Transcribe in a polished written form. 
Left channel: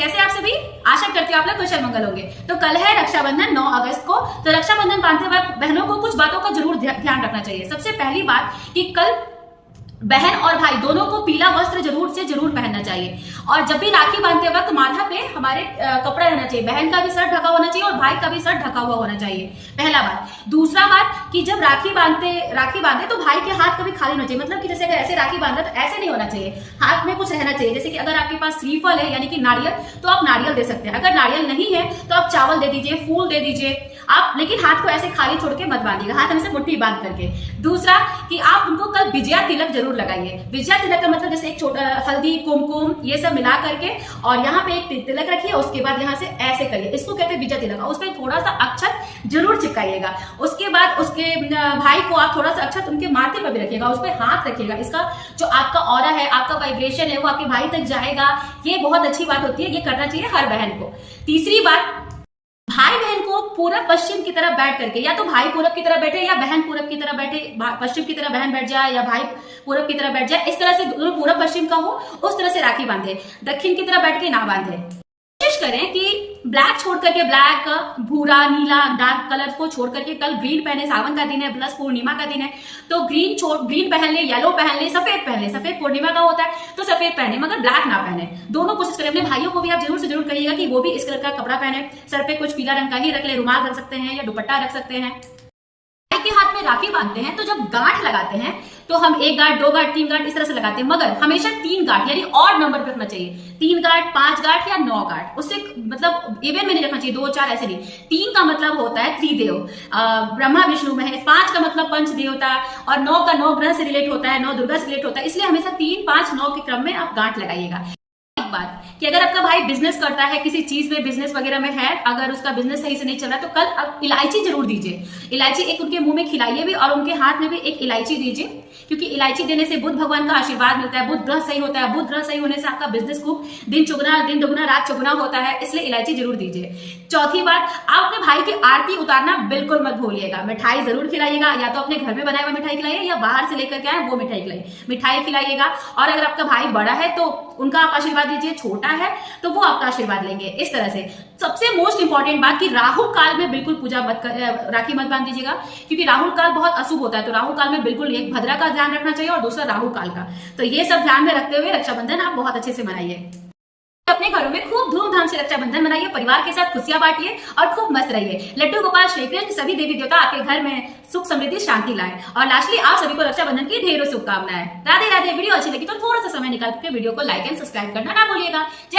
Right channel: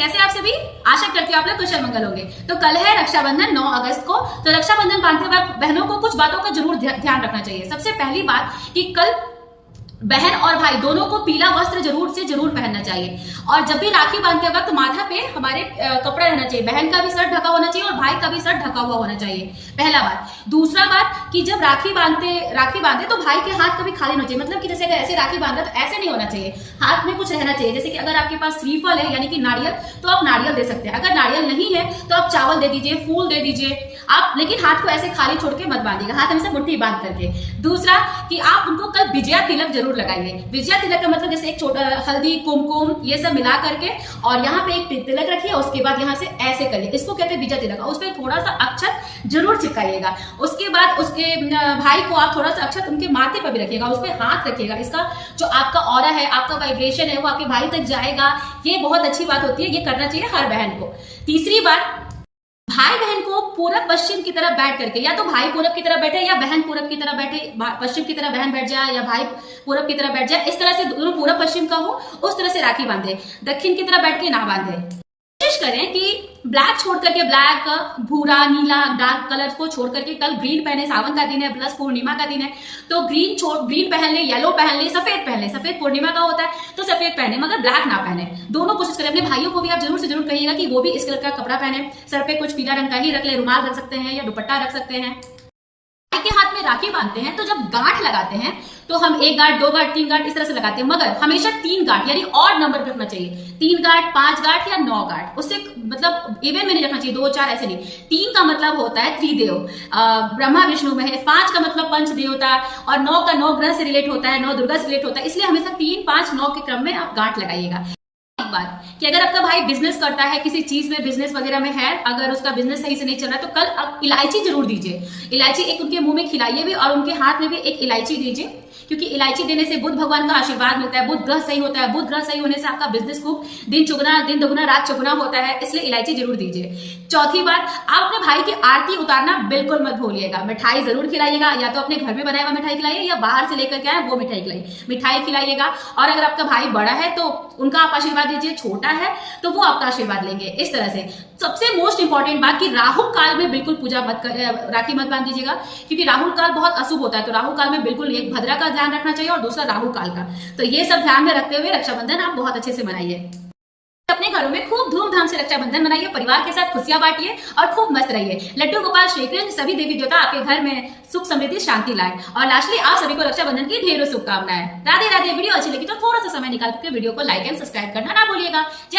कैसे आप सभी? आशा करती हूँ आप लोग कुशल मंगल होंगे। तो कल है रक्षाबंधन 9 अगस्त को। तो रक्षाबंधन बांधते वक्त बहनों को कुछ बातों का जरूर ध्यान रखना चाहिए। सबसे पहली बात कि कल बहन और भाई दोनों को पीला वस्त्र जरूर से जरूर पहनना चाहिए। और जब भी राखी बांधते वक्त माथा पे हमारे कपड़ा रहना चाहिए। बहन का भी सर ढका होना चाहिए और भाई का भी सर ढका हुआ होना चाहिए, पहला बात। दूसरा बात कि जब राखी बांधे तो भाई के हाथ कभी खाली होना चाहिए। मतलब कि जैसे अगर ऐसे राखी बांधा तो ऐसे नहीं होना चाहिए, हाथ में कुछ रहना चाहिए। जैसे कि अगर आपके पास श्रीफल है यानी कि नारियल, तो आप नारियल दे सकते हैं। अगर नारियल नहीं है तो आप चावल दे दीजिए, फूल दे दीजिए आप, लेकिन हाथ को ऐसे खाली छोड़ के मत बांधिएगा, हाथ हमेशा मुट्ठी बांध करके। दूसरा कि आप उनको कल विजया तिलक जरूर लगाइए। विजया तिलक का मतलब जैसे एक छोटा हल्दी कुमकुम ये सब मिला करके और यहाँ पे एक तिलक रखिए, उसके बाद यहाँ से ऐसे करिए, इसको कहते हैं विजया तिलक। उस पर थोड़ा सा अक्षत जरूर चिपकाइएगा। उसके बाद उसके भाई को आप थोड़ा सा अक्षत उनके माथे पर भी रखिएगा, उस पर हाथ रखिएगा। इसका जो आपका ऑरा है, आपका वाइब्रेशन है, वो आपके भाई तक जाएगा। ये बहुत अच्छी बात होती है, ये करना चाहिए हर बहन को। तीसरी बात, भाई बहन को पूरब पश्चिम की तरफ बैठ करके, या तो भाई पूरब की तरफ बैठे या बहन पूरब की तरफ बैठे, पश्चिम की तरफ बहन बैठ जाए या भाई पूरब की तरफ बैठ जाए, इस तरह से दोनों पूरब पश्चिम का हो, उस तरह से राखी बांधे। दक्षिण की तरफ बैठ के ना बांधे। कोशिश करें कि ब्लैक छोड़ करके, ब्लैक, भूरा, नीला, डार्क कलर को छोड़ करके कल ग्रीन पहने। सावन का दिन है प्लस पूर्णिमा का दिन है, तो ग्रीन पहन ले, येलो पहन ले, सफेद पहन ले। सफेद पूर्णिमा का होता है तो सफेद पहने, मगर ब्लैक ना पहने। दोनों कोशिश करें। अपने भाइयों को भी आप जरूर से जरूर कहिएगा कि वो भी इस कलर का कपड़ा पहने। सर पे कुछ पीला रंग का ही रख ले, रुमाल रख सकते हैं या दुपट्टा रख सकते हैं। भाई के हाथ में राखी बांधते हैं तो जब गांठ लगाते हैं तो हम 1 गांठ, 2 गांठ, 3 गांठ इस तरह से लगाते हैं, मगर हमेशा 3 गांठ यानी ऑड नंबर रखना चाहिए। 3 गांठ, 5 गांठ या 9 गांठ, उससे मतलब इवन में नहीं रखना चाहिए, 2, 4 ऐसे नहीं। 3 का मतलब होता है त्रिदेव, ब्रह्मा विष्णु महेश। 5 का मतलब पंच देवता, और 9 का 9 ग्रह से रिलेट होता है, 9 दुर्गा से रिलेट होता है। इसलिए हमेशा 3, 5, 9 के क्रम में आप गांठ लगाइएगा। बात कि अगर आपका भाई बिजनेस करता है, किसी चीज में बिजनेस वगैरह में है, अगर उसका बिजनेस सही से नहीं चल रहा है, तो कल आप इलायची जरूर दीजिए। इलायची एक उनके मुंह में खिलाइए भी और उनके हाथ में भी एक इलायची दीजिए, क्योंकि इलायची देने से बुध भगवान का आशीर्वाद मिलता है। बुध ग्रह सही होता है, बुध ग्रह सही होने से आपका बिजनेस खूब दिन दुगुना रात चौगुना होता है, इसलिए इलायची जरूर दीजिए। चौथी बात, आप अपने भाई की आरती उतारना बिल्कुल मत भूलिएगा। मिठाई जरूर खिलाइएगा, या तो अपने घर में बनाया हुआ मिठाई खिलाइए या बाहर से लेकर के आए वो मिठाई खिलाइएगा। और अगर आपका भाई बड़ा है तो उनका आप आशीर्वाद दीजिए, छोटा है तो वो आपका आशीर्वाद लेंगे। इस तरह से सबसे मोस्ट इंपॉर्टेंट बात कि राहु काल में बिल्कुल राखी मत बांध दीजिएगा, क्योंकि राहु काल बहुत अशुभ होता है। तो राहु काल में बिल्कुल एक भद्रा का ध्यान रखना चाहिए और दूसरा राहु काल का। तो ये सब ध्यान में रखते हुए रक्षाबंधन आप बहुत अच्छे से मनाइए। अपने घरों में खूब धूमधाम से रक्षाबंधन मनाइए, परिवार के साथ खुशियां बांटिए और खूब मस्त रहिए। लड्डू गोपाल श्री कृष्ण सभी देवी देवता आपके घर में सुख समृद्धि शांति लाए। और लास्टली आप सभी को रक्षाबंधन की ढेरों शुभकामनाएं। राधे राधे। वीडियो अच्छी लगी तो थोड़ा सा समय निकाल के वीडियो को लाइक एंड सब्सक्राइब करना ना भूलिएगा। जय